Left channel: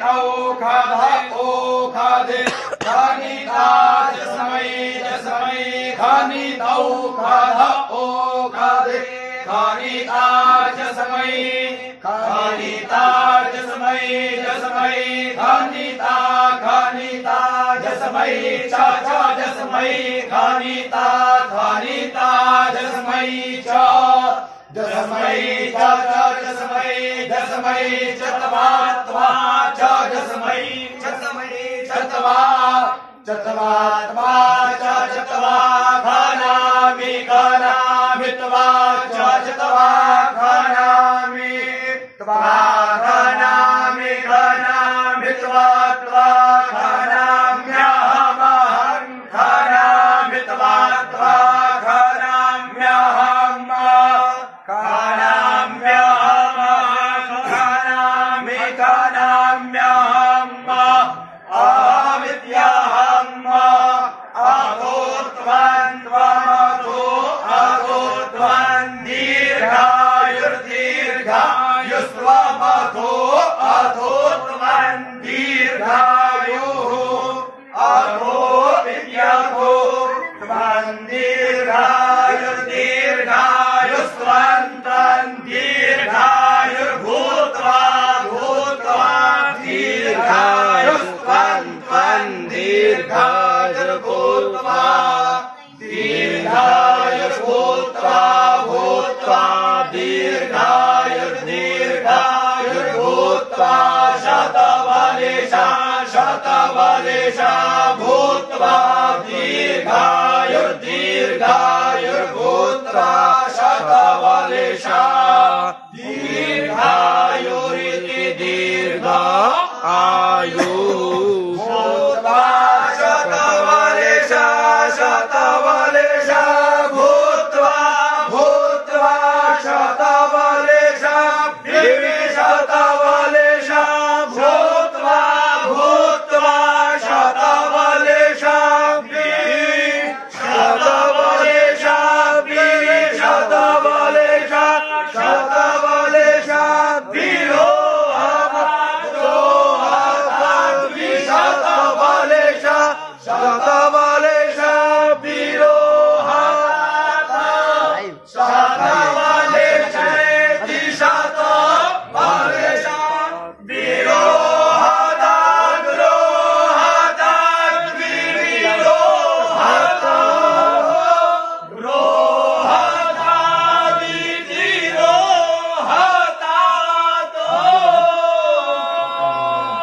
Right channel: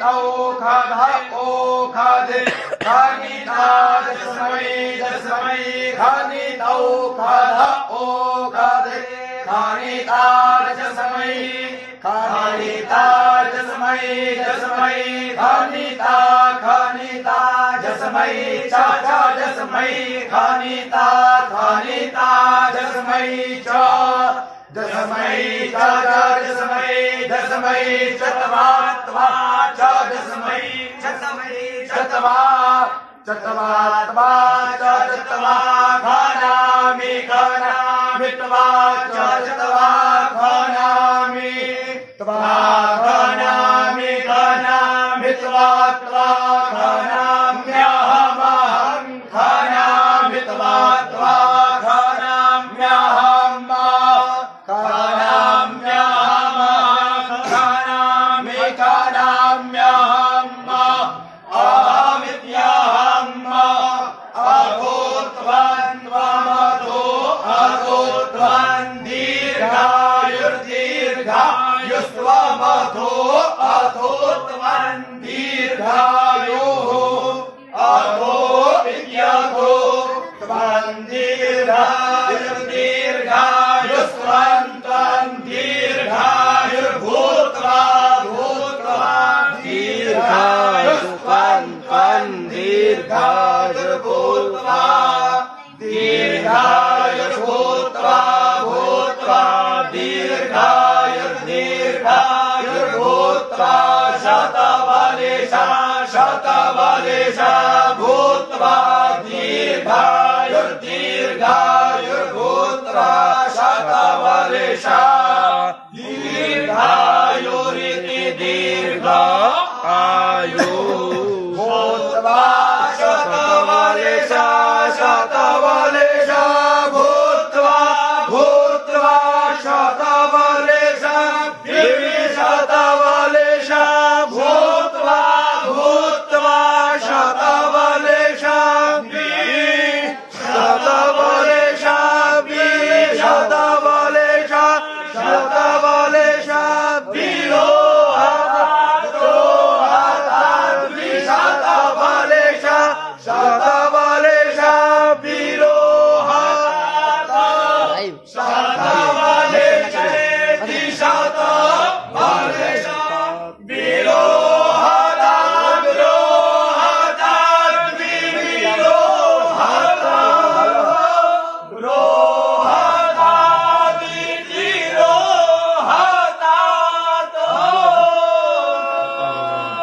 खध ओखधे खनिता जस्मै जस्मै खनितौ खध ओखधे खनिता जस्मै खनिता जस्मै जस्मै खनिता खनिता जस्मै च जस्मै खनिता खनिता जस्मै च जस्मै च जस्मै जस्मै चत्वा त्वा च जस्मै जस्मै चत्वा चत्वा त्वा च चत्वा खानामि खानामि त्वा च चत्वा खानामि त्वा खानामि खानामि त्वा त्वा खानाम्यहमहं खानामि त्वा त्वा खानाम्यहम् खानाम्यहमहं खानामि खानाम्यहम् अहमित्यहम् अभूत्वन् त्वमतो अभूत्वन् दीर्घायुर्दीर्घायुस्त्वमतो अभूत्वन् दीर्घायुः अभो इत्यथो त्वन् दीर्घायुर्दीर्घायुस्त्वन् दीर्घायुर्भूत्वा भूत्वा दीर्घायुस्त्वन् दीर्घायुर्भूत्वा दीर्घायुर्भूत्वा भूत्वा दीर्घायुर्दीर्घायुर्भूत्वा शतवलिशा शतवलिशा भूत्वा दीर्घायुर्दीर्घायुर्भूत्वा शतवलिशा दीर्घायुरिति दीर्घा